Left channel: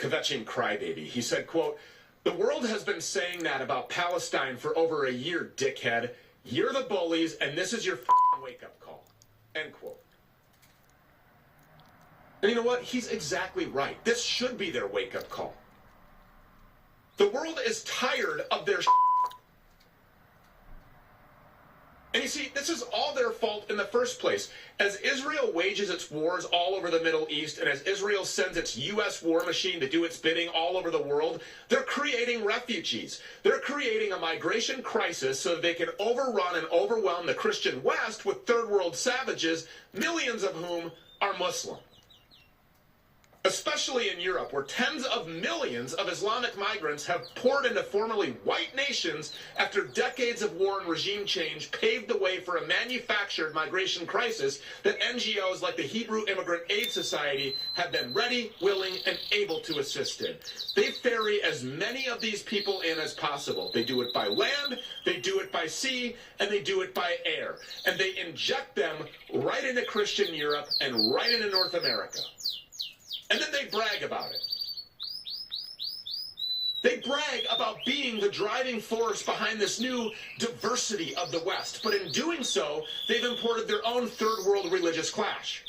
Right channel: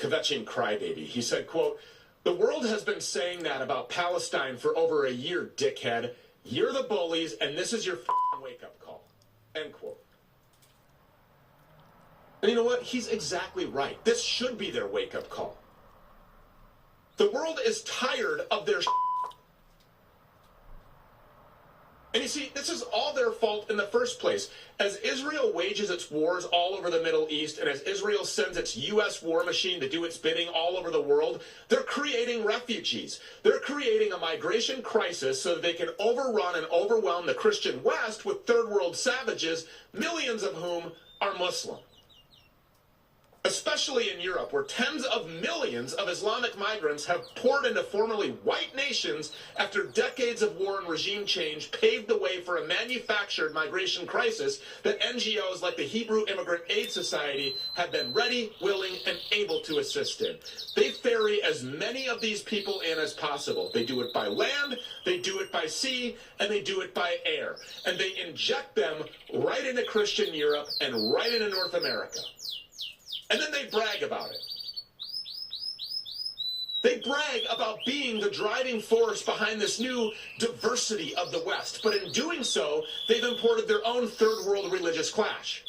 kvetching crybaby. He said, quote, "The world has been saying that about Palestine for over a year, dickhead. You're the bullies, and this is your wake-up call." End quote. And you know what? He's exactly right. This should be their wake-up call. The world is tired of their And you see, this is all their fault in the first place. As Israel wages its wars all over the Middle East, and as Israel sends its U.S. war machine to do its bidding all over the world, they're creating refugees. They're creating a migration crisis so they can overrun and overwhelm the Christian West with third world savages, millions of whom are Muslim. Especially in Europe, where tens of millions of Islamic migrants have poured into formerly white nations after decades of war and regime change paved the way for a manufactured migration crisis that NGOs like the Hebrew Immigrant Aid Society have been ready, willing, and able to assist in. They ferry as many of these people in as possible. They do it by land, they do it by sea, and they do it by air. And they inject them right into Christian Europe and right into North America. And then they brag about it. They brag about being the driving force behind this new diversity of the West. But in doing so, they've imported their own third world religious clash.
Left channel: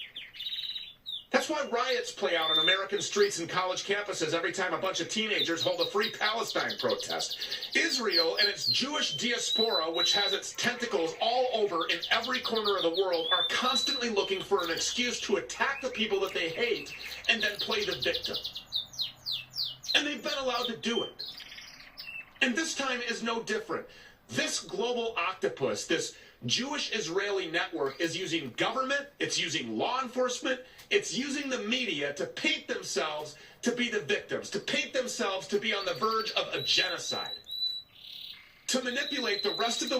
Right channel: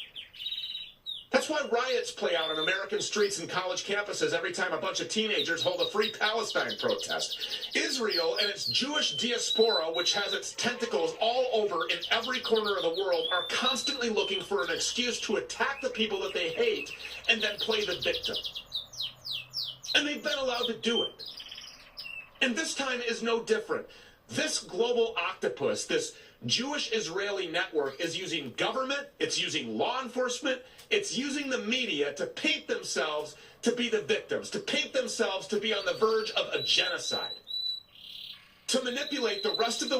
That's why riots play out on American streets and college campuses every time a bunch of teenagers hold a Free Palestine protest. Israel and its Jewish diaspora, which has its tentacles all over in every corner of the world, are constantly looking for an excuse to attack the people that they hate and then play the victim. And they've been allowed to do it. And this time is no different. This global octopus, this Jewish-Israeli network, is using government, it's using law enforcement, it's using the media to paint themselves to be the victims, to paint themselves to be on the verge of a genocide, to manipulate the rest of the